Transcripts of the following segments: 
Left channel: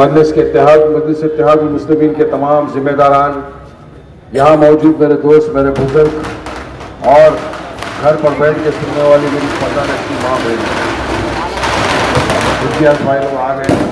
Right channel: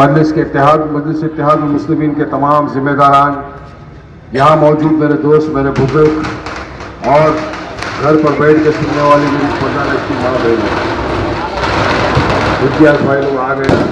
मजलिस इत्तेहाद मुस्लिमीन के तमाम जिम्मेदारान, यहाँ मौजूद मेरे दोस्त, मेरे बुजुर्ग और घर पर बैठ के सुनने वाले मेरी पता की माँ बहन, इतिहास भाई लोग आ गए।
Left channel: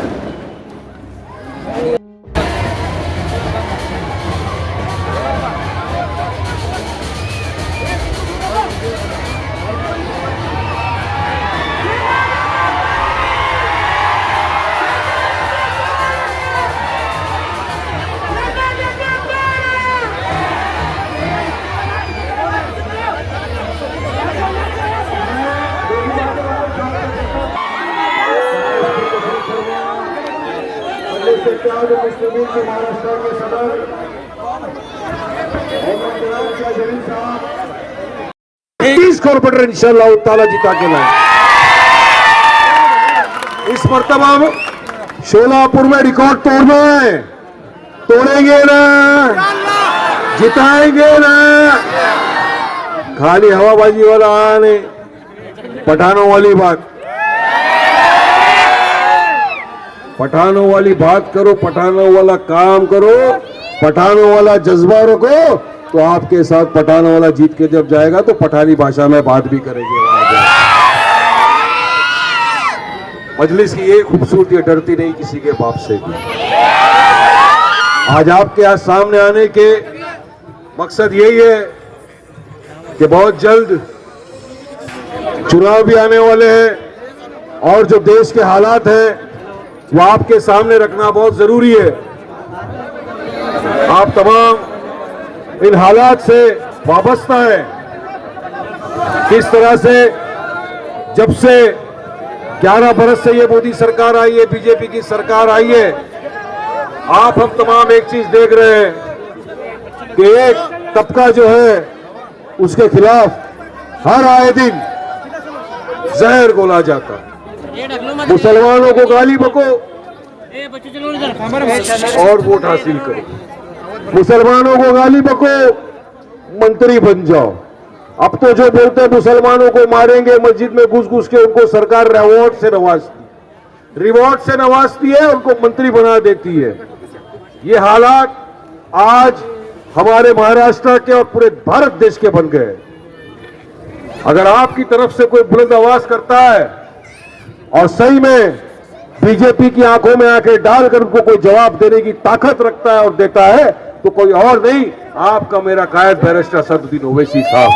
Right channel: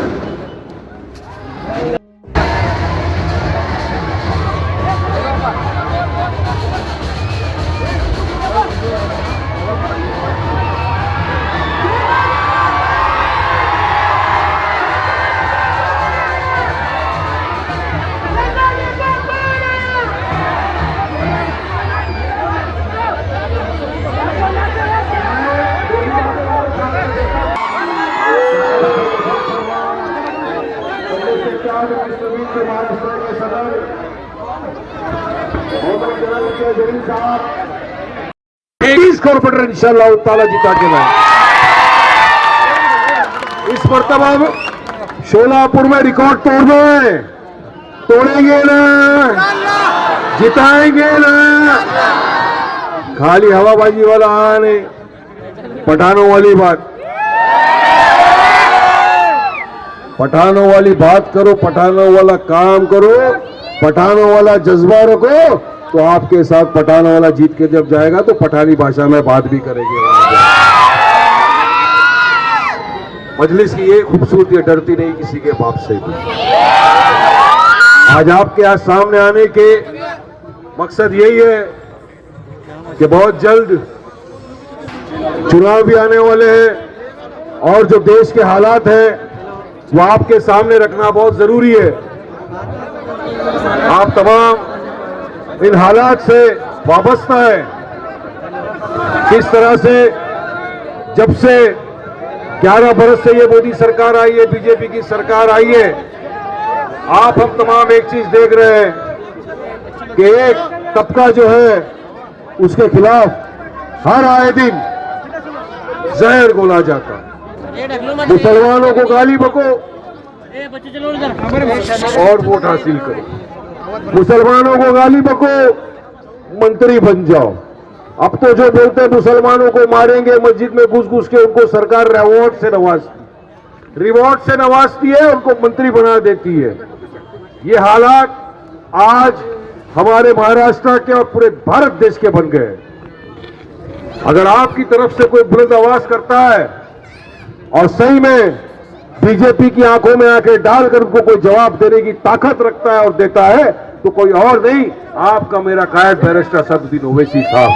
कॉर्पोरेटर इंशाअल्लाह ताला जिता के लाए। इस मर्तबा में शोलापुर में रिकॉर्ड तोड़ेंगे ना, जिताएंगे ना। खाली हवाबाजी वाला आने, पठानों वाली बात करो, पठानों वाला काम करो, पठानों वाला जज्बा रखो, तो आपके साथ पठानों वाला जीत के जब जाएगा तो पठानी भाषा में बात भी करेंगे। मजलिस की ये खूबसूरती है, डरती नहीं किसी के बाप से भी। आज आपके यहाँ सामने आने के मकसद यही है कि बहुत जल्द चुनाव भी आने वाले हैं और जो देश के हालात हैं वो आपके सामने रखना बहुत जरूरी है। आप तमाम इन हालात से वाबस्ता है। किस तरह से जब से 11 बरस से ये मोदी सरकार आई है, बीजेपी की सरकार आई है, आप हम तमाम एक चीज देख रहे हैं कि एक तबका जो है उसके खिलाफ हर आए दिन जहर घोला जाता है। मुसलमानों को गाली बको और वोट हासिल करो, मुसलमानों को गाली बको, मंत्री बन जाओ। अब तो जो बोलते हैं मुसलमानों को मारेंगे, मस्जिद में घुस के उनको सरकार रिवॉर्ड से नवाजती है, उनको मंत्री बना देती है। ये हालात आज हमारे महाराष्ट्र के और पूरे भारत देश के बन गए। अगर आपकी तरफ से कोई बुलंद आवाज करता है और सही में बीजेपी की आंखों में आंखें डालकर उनको कोई जवाब देने की ताकत रखता है और देता है, तो कोई और नहीं, आपका मेरा कायद बैरिस्टर सदरुद्दीन ओवैसी साहब।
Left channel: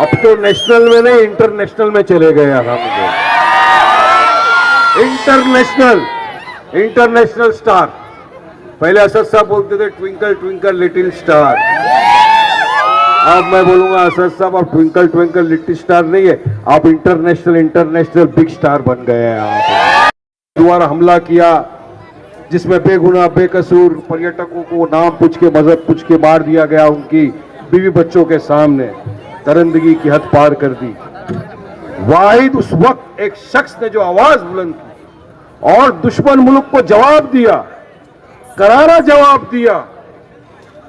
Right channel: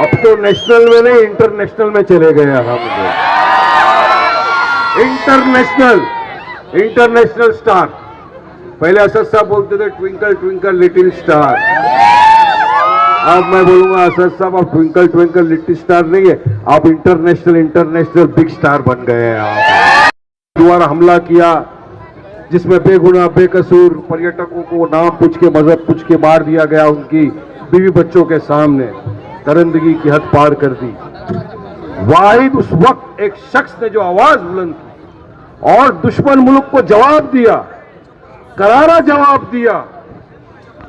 अब तो नेशनल में नहीं, इंटरनेशनल में चले गए आप। International star. पहले असद साहब बोलते थे ट्विंकल ट्विंकल लिटिल स्टार, अब मैं बोलूंगा असद साहब अब ट्विंकल ट्विंकल लिटिल स्टार नहीं है, आप इंटरनेशनल बिग स्टार बन गए हैं। आप द्वारा हमला किया जिसमें बेगुनाह बेकसूर पर्यटकों को नाम पूछ के, मजहब पूछ के मार दिया गया, उनकी बीवी बच्चों के सामने दरिंदगी की हद पार कर दी। वाहिद उस वक्त एक शख्स ने जो आवाज बुलंद की और दुश्मन मुल्क को जवाब दिया, करारा जवाब दिया,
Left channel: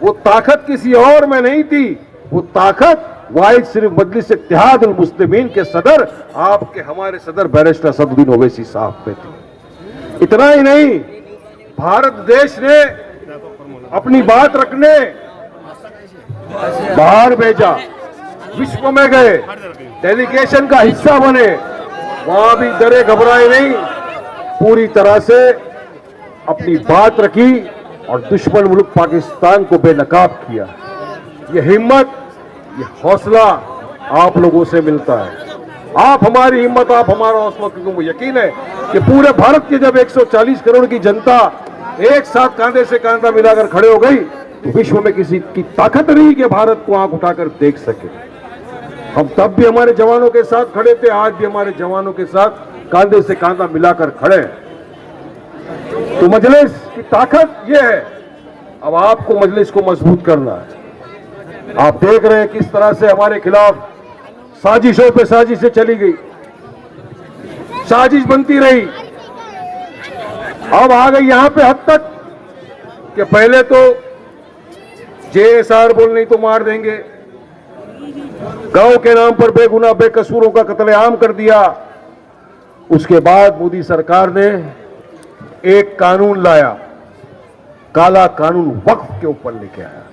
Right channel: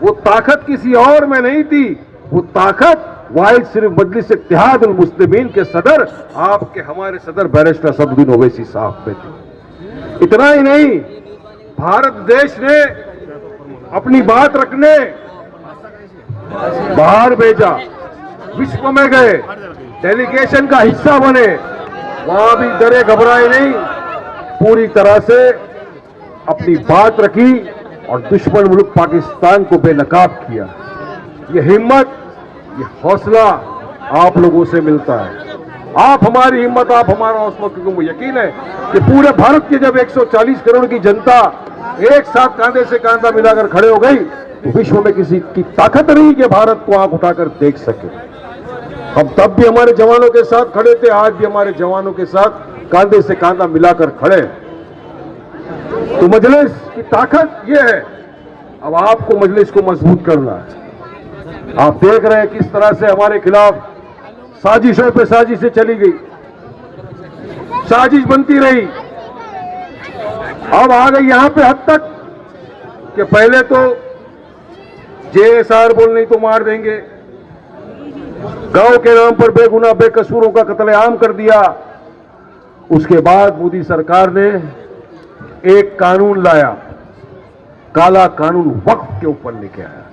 वो ताकत किसी और में नहीं थी, वो ताकत वाहिद सिर्फ मजलिस इत्तेहाद मुस्लिमीन के सदर, आपके हमारे सदर बैरिस्टर सदरुद्दीन ओवैसी साहब पे थी। इतना ही नहीं, भारत देश ने अपनी बात रखने बाहर भेजा, विश्व में गए, डेलीगेशन का हिस्सा बने, वहां भी डरे घबराए नहीं, पूरी तरह से अपनी बात रखी और दुश्मन मुल्क पाकिस्तान को बेनकाब किया। ये हिम्मत, ये हौसला आप लोगों से मिलता है। आप हमारी हिम्मत, आप हमारा हौसला, क्योंकि मुझे यकीन है कि पूरे भारत की जब 140 करोड़ की जनता एक साथ कांधे से कांधा मिलाकर खड़े हो गई, तो विश्व में किसी की ताकत नहीं कि भारत को आंख उठाकर देख सके। हम तब भी हमारे जवानों के साथ खड़े थे, आज भी हमारे जवानों के साथ कांधे से कांधा मिलाकर खड़े। तो मजलिस की ताकत यह है, अब आपको मजलिस को मजबूत करना है। आप देख रहे हैं किस तरह से हमारे खिलाफ साजिशों पे साजिशें चली गई, साजिश बनती रही, अब आ गई यहां पे हद तक कि पहले तो जेएसआर बोल नहीं तो मार देंगे, गांव के नाम पर बेगुनाह बेकसूरों का कत्लेआम कर दिया, उसके बाद मोदी सरकार ने एक कानून लाया, काला कानून वक्फ के ऊपर लेके आया।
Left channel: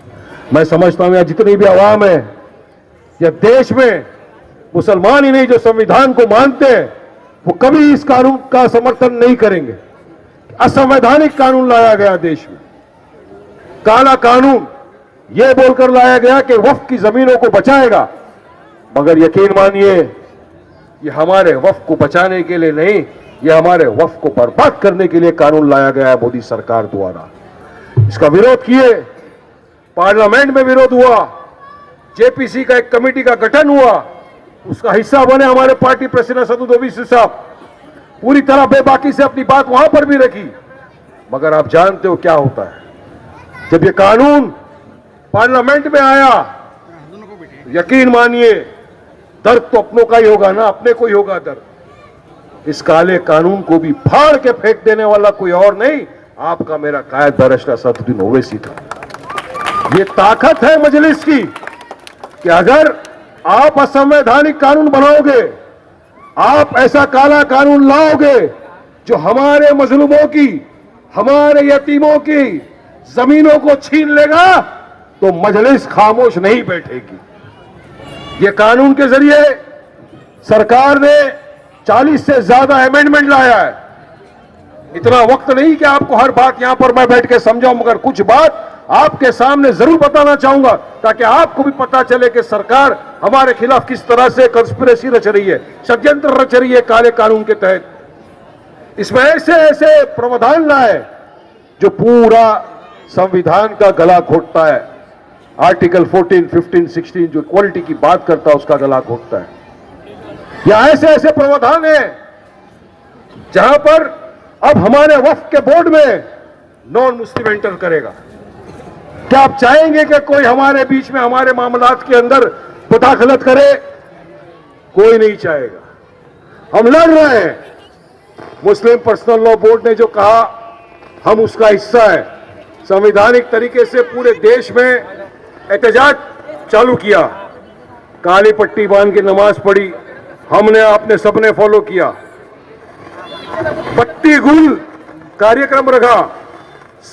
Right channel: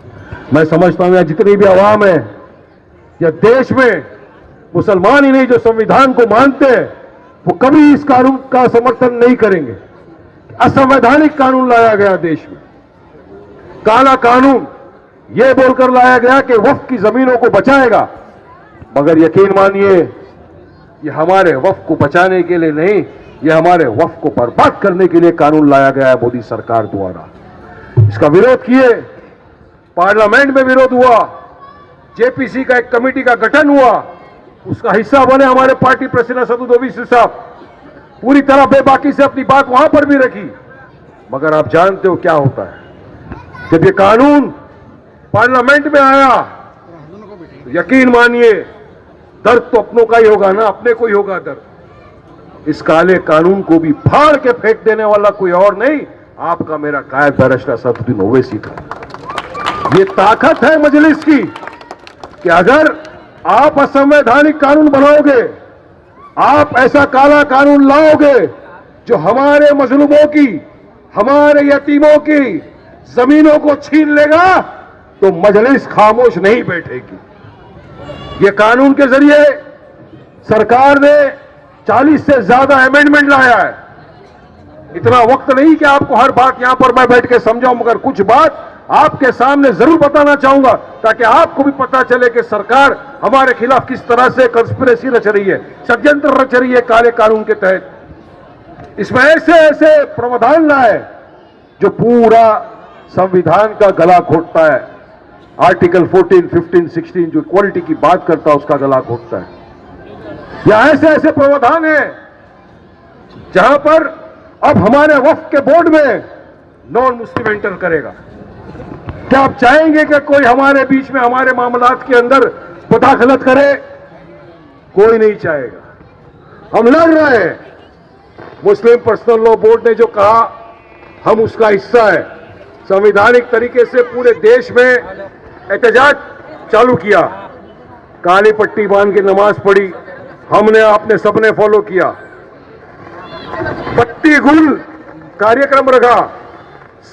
मैं समझता हूं जितनी भी आवाम है या देश में, मुसलमान ही नहीं जो संविधान को मानते हैं, वो कभी इस कानून का समर्थन नहीं करेंगे। असंवैधानिक कानून लाया गया देश में, काला कानून यह बोलकर लाया गया कि वक्फ की जमीनों को बचाएगा, मगर यकीन मानिए ये हमारे वक्फ को बचाने के लिए नहीं, ये हमारे वक्फ को बर्बाद करने के लिए कानून लाया गया है मोदी सरकार द्वारा। इसका विरोध किए, पार्लियामेंट में विरोध हुआ, जेपीसी का एक कमेटी का गठन हुआ, उसका हिस्सा बने हमारे पार्टी प्रेसिडेंट असदुद्दीन ओवैसी साहब, पूरी तरह बेबाकी से अपनी बात वहां पर भी रखी। मगर आप जानते हो क्या होता है, जब ये कानून पार्लियामेंट में आया, यकीन मानिए दर्द तो अपनों का ही होगा ना, अपने को ही होगा दर्द। इस काले कानून को भी फाड़ के फेंक देने वाला कोई और नहीं, आपका मेरा कायद बैरिस्टर असदुद्दीन ओवैसी था। ये ताकत है मजलिस की कि अगर आप असंवैधानिक कानून बनाओगे, आप ऐसा काला कानून लाओगे जो हमारे मजलूमों की, हमारे यतीमों की जमीनों को छीन लेगा, तो मजलिस खामोश नहीं बैठेगी। ये कानून के जरिए सरकार ने 40 से ज्यादा अमेंडमेंट लाया है। इतना वक्त नहीं कि आपको हर बात यहां पर मैं बैठ के समझाऊं, मगर कुछ बात आपके सामने जरूर बताना चाहूंगा ताकि आपको भी पता चले कि सरकार हमारे खिलाफ किस तरह से कंस्पिरेसी रच रही है, षड्यंत्र रच रही है काले कानून के तहत। इसमें ऐसे ऐसे प्रावधान लाए जो पूरा संविधान का गला घोटता है। आर्टिकल 14, 15, 16 जो इक्वालिटी की बात करता है उसका गला घोटता है। या ऐसे ऐसे प्रावधान है जहां पर अब हमारे वक्फ के बोर्ड में नॉन मुस्लिम एंटर करेगा। क्या आप चाहेंगे कि कोई हमारे बीच में हमारे मामलात के अंदर मुदाखलत करे? कोई नहीं चाहेगा। हम लड़ रहे हैं। मुस्लिम पर्सनल लॉ बोर्ड ने जो कहा हम उसका हिस्सा है। संवैधानिक तरीके से पूरे देश में एहतजाज चालू किया, काली पट्टी बांध के नमाज पढ़ी, हमने आपने सबने फॉलो किया, बत्ती गुल कार्यक्रम रखा,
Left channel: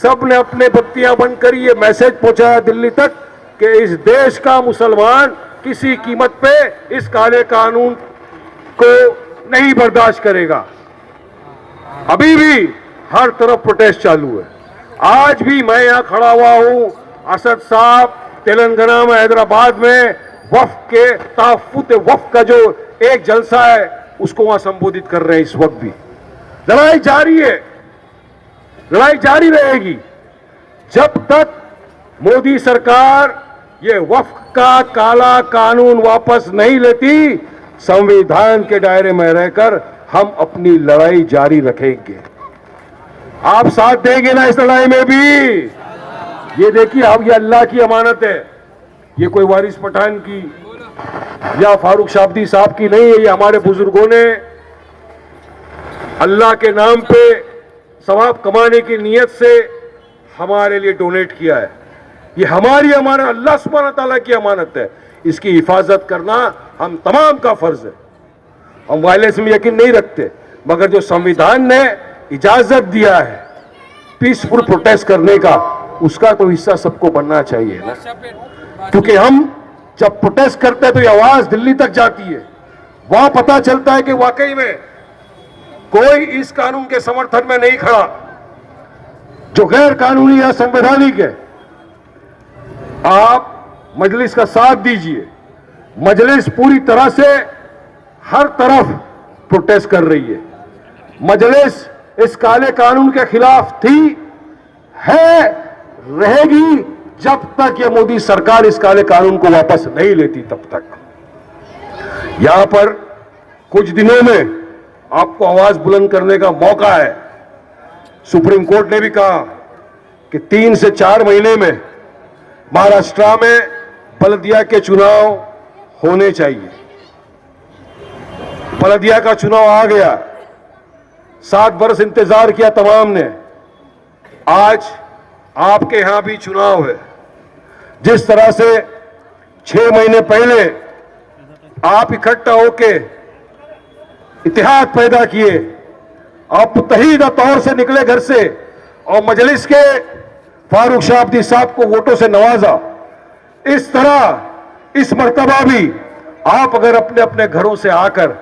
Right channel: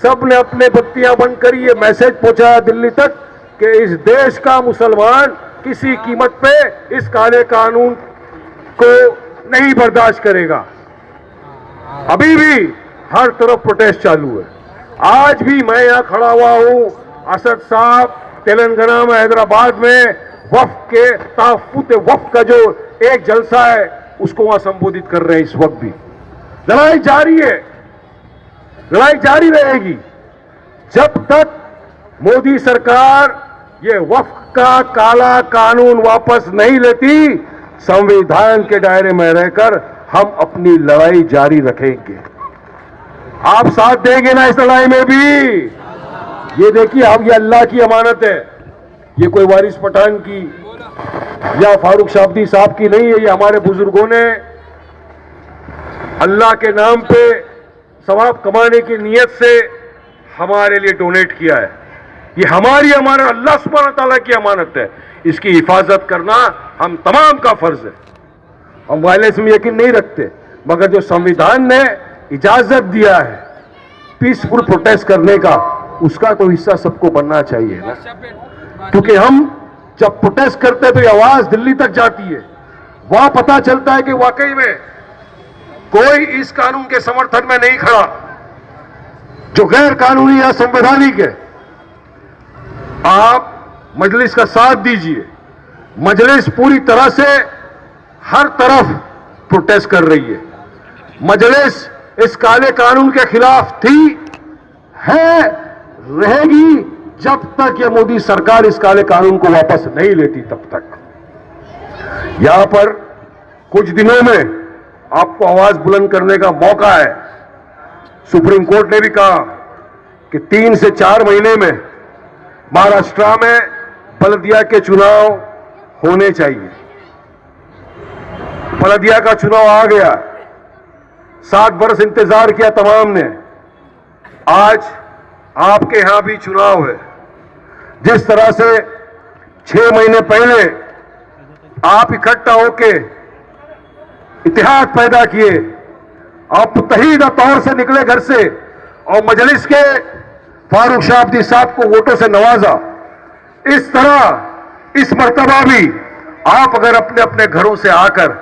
सबने अपने बत्तियां बंद करी, ये मैसेज पहुंचाया दिल्ली तक कि इस देश का मुसलमान किसी कीमत पे इस काले कानून को नहीं बर्दाश्त करेगा। अभी भी हर तरफ प्रोटेस्ट चालू है। आज भी मैं यहां खड़ा हुआ हूं, असद साहब तेलंगाना में, हैदराबाद में वक्फ के तहफ्फुज़ वक्फ का जो एक जलसा है उसको वहां संबोधित कर रहे हैं। इस वक्त भी लड़ाई जारी है, लड़ाई जारी रहेगी जब तक मोदी सरकार ये वक्फ का काला कानून वापस नहीं लेती। संविधान के दायरे में रहकर हम अपनी लड़ाई जारी रखेंगे। आप साथ देंगे ना इस लड़ाई में भी? ये देखिए, अब ये अल्लाह की अमानत है, ये कोई वारिस पठान की या फारूक शाब्दी साहब की नहीं है। ये हमारे बुजुर्गों ने अल्लाह के नाम पे सवाब कमाने की नीयत से हमारे लिए डोनेट किया है। ये हमारी, हमारा अल्लाह सुब्हानहू तआला की अमानत है। इसकी हिफाजत करना हम तमाम का फर्ज है। हम वायलेंस में यकीन नहीं रखते, मगर जो संविधान ने इजाजत दिया है पीसफुल प्रोटेस्ट करने का, उसका तो हिस्सा सबको बनना चाहिए ना। क्योंकि हम जब प्रोटेस्ट करते हैं तो ये आवाज दिल्ली तक जाती है, वहां पता चलता है कि वाकई में कोई इस कानून के समर्थन में नहीं खड़ा जो गैर कानूनी या संवैधानिक है। आप मजलिस का साथ दीजिए। मजलिस पूरी तरह से हर तरफ प्रोटेस्ट कर रही है। मजलिस इस काले कानून के खिलाफ थी, है, रहेगी जब तक ये मोदी सरकार इस काले कानून को वापस नहीं लेती तब तक। यहां पर कुछ दिनों में आपको आवाज बुलंद करने का मौका है। सुप्रीम कोर्ट ने भी कहा कि 3 से 4 महीने में महाराष्ट्र में बलदिया के चुनाव होने चाहिए। बलदिया का चुनाव आ गया, 7 वर्ष इंतजार किया तमाम ने। आज आपके यहां भी चुनाव है। जिस तरह से 6 महीने पहले आप इकट्ठा होके इतिहाद पैदा किए, आप मुत्तहीदा तौर से निकले घर से और मजलिस के फारूक शाह अब्दी साहब को वोटों से नवाजा। इस तरह इस मर्तबा भी आप अगर अपने अपने घरों से आकर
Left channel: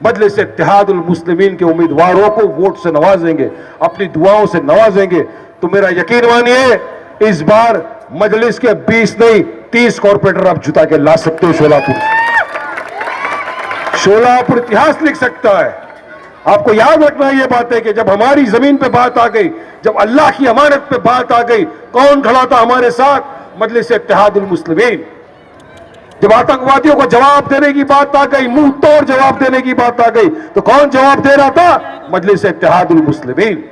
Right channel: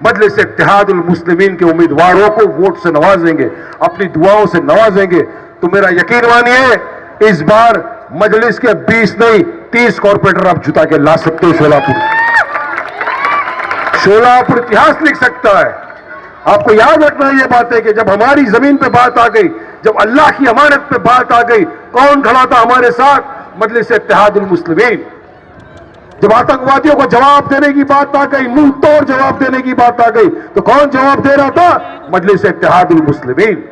मजलिस इत्तेहादुल मुस्लिमीन के उम्मीदवारों को वोट से नवाजेंगे, अपनी दुआओं से नवाजेंगे, तो मेरा यकीन मानिए इस बार मजलिस के 20 नहीं 30 कॉर्पोरेटर आप जुटा के ला सकते हो। शोलापुर इतिहास लिख सकता है। आपको याद रखना ये बात है कि जब हमारी जमीन पे बात आ गई, जब अल्लाह की अमानत पे बात आ गई, कौन खड़ा था हमारे साथ? मजलिस इत्तेहादुल मुस्लिमीन। जब आतंकवादियों को जवाब देने की बात आ गई, मुंह तोड़ जवाब देने की बात आ गई, तो कौन जवाब दे रहा था? मजलिस इत्तेहादुल मुस्लिमीन।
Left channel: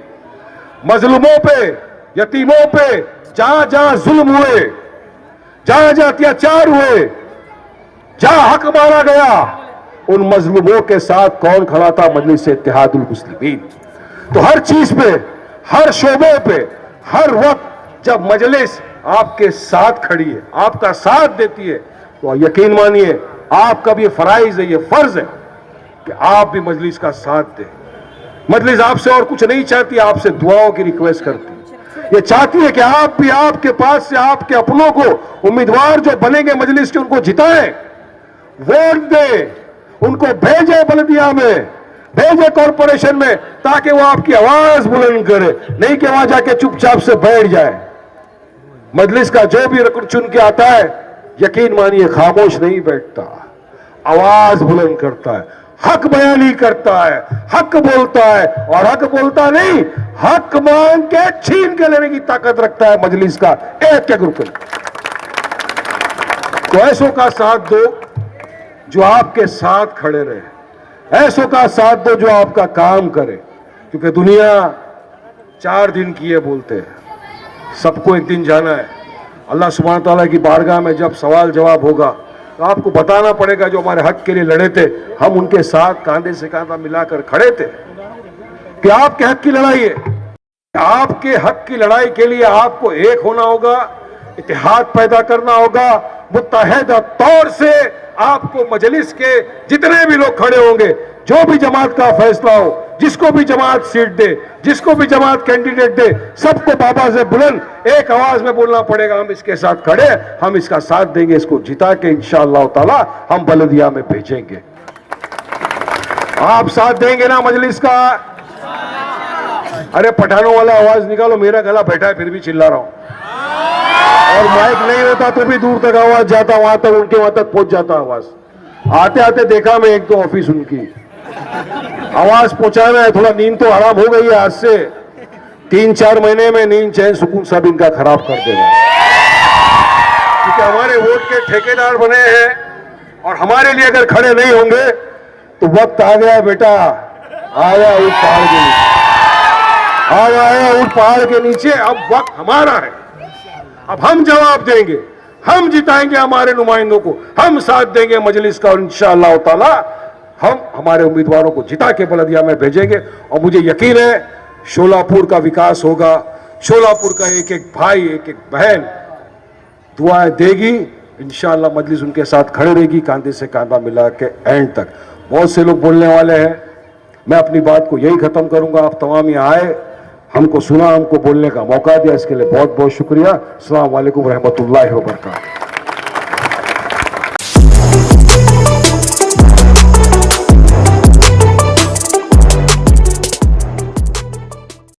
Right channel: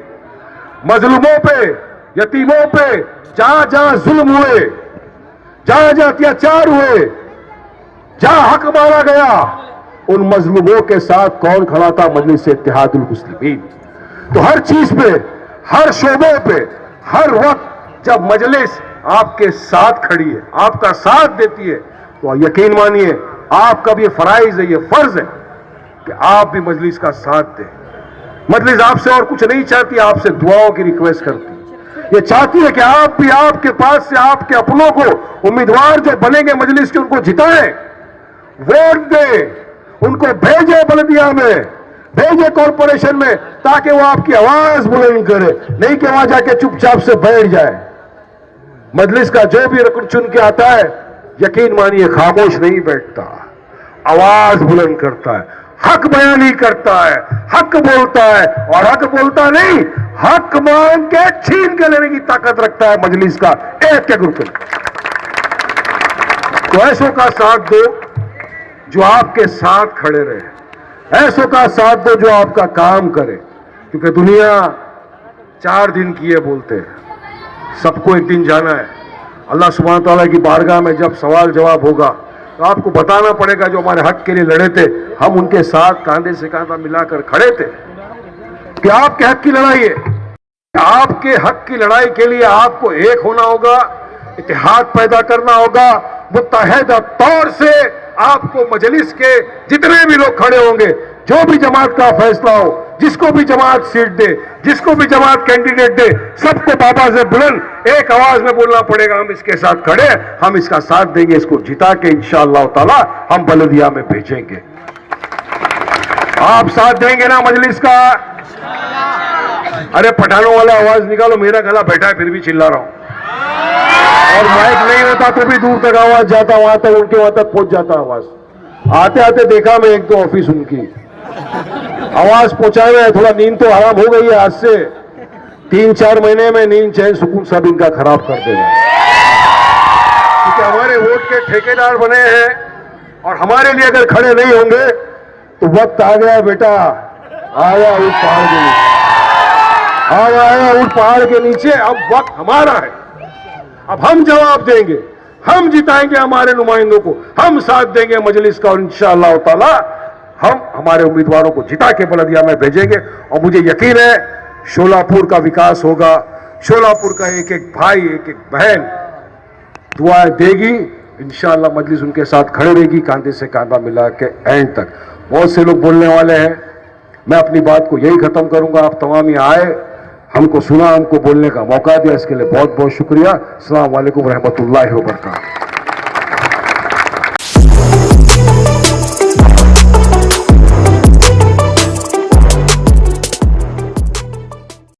मजलूमों पे, यतीमों पे जहां जहां जुल्म हुए, जहां जहां अत्याचार हुए, जहां हक मारा गया, उन मजलूमों के साथ कौन खड़ा था? मजलिस इत्तेहादुल मुस्लिमीन। तो हर चीज पे, हर शोबे पे, हर वक्त जब मजलिस आपके साथ खड़ी है, आपका साथ देती है, तो यकीन मानिए आपका भी फराइज है, ये फर्ज है कि आप भी मजलिस का साथ दें। मजलिस आपसे और कुछ नहीं चाहती, आपसे दुआओं की रिक्वेस्ट करती है। ये चाहती है कि आप भी आपके पास से आपके अपनों को, उम्मीदवार जो बनेंगे मजलिस के, उनको जिताएं, वोट दें, उनको भेजे बल्दिया में, भेजे कॉर्पोरेशन में, ताकि वो आपकी आवाज बुलंद करे, नहीं कि वहां जाके चुपचाप से बैठ जाए। मजलिस का जो भी रुकन चुन के आता है, यकीन मानिए खामोश नहीं बैठता, आवाज बुलंद करता है, हक बयानी करता है, हक बोलता है, और हक बोलता नहीं, हक मांग के छीन के लेने की ताकत रखता है मजलिस का एक एक रुकन। तो ऐसों का साथ दो जो आपके साथ खड़े रहे, ऐसों का साथ दो जो आपका काम करे, क्योंकि दुनिया 4 दिन की है बोलते हैं, सबको एक दिन जाना है। अल्लाह सुब्हान तआला की बारगाह में जब सवाल जवाब होगा, तो आपको बताना पड़ेगा जो हमारे हक के लिए लड़े थे, हम उनके साथ कांधे से कांधा मिलाकर खड़े थे। कि आपके हक की लड़ाई है, आपके हक की लड़ाई के लिए आपको एक होना होगा, इत्तेहाद पैदा करना होगा, मुत्तहिदा तौर से आपको मजलिस के जितने भी लोग खड़े होंगे, जो भी जमात का फैसला हो, जिसको भी जमात सीट दे, जिसको भी जमात कैंडिडेट दे, सबको बाबा से बुलंद एक आवाज में बोलना पड़ेगा, हम इसके साथ खड़े, हम इसका साथ देंगे, इसको जिता के इंशाअल्लाह ताला हम बलदिया में भेजेंगे। आप साथ देंगे ना मजलिस का? अरे पठानों वाला आवाज निकालो, मेरा गला बैठा है फिर भी चिल्ला रहा हूं, और माइक नहीं होता तो भी दूर तक आवाज जाता, वहां तक उनके वहां तक पहुंच जाता आवाज। आते आते देखा मैं एक दो ऑफिस उनकी, आवाज पहुंचाना है, थोड़ा नींद तो आराम हो गई है आज से, 3-4 महीने में नींद चैन सुकून सब इनका खराब कर देगा। क्योंकि हमारे वोट के ठेकेदार बने हैं, और हमारे लिए अगर खड़े नहीं होंगे तो वक्त आ गया बेटा, आया उस पहाड़ के नीचे, आया उस पहाड़ के नीचे, अब वक्त हमारा है, अब हम जवाब देंगे, हम जिताएंगे हमारे नुमाइंदों को, हम साथ देंगे मजलिस का, और इंशाअल्लाह ताला हम हमारे उम्मीदवारों को जिता के बलदिया में भेजेंगे। और मुझे यकीन है शोलापुर का विकास होगा, शोलापुर का एक एक भाई, एक एक बहन दुआएं देगी, इंशाअल्लाह मजलिस उनके साथ खड़े रहेगी, कांधे से कांधा मिला के एंड तक। बहुत से लोग बोलने वाले हैं, मैं अपनी बात को यही खत्म करूंगा। आप तमाम यहाँ आए, हमको सुना, हमको बोलने का मौका दिया, इसके लिए बहुत बहुत शुक्रिया। अस्सलाम वालेकुम रहमतुल्लाहि व बरकातहू।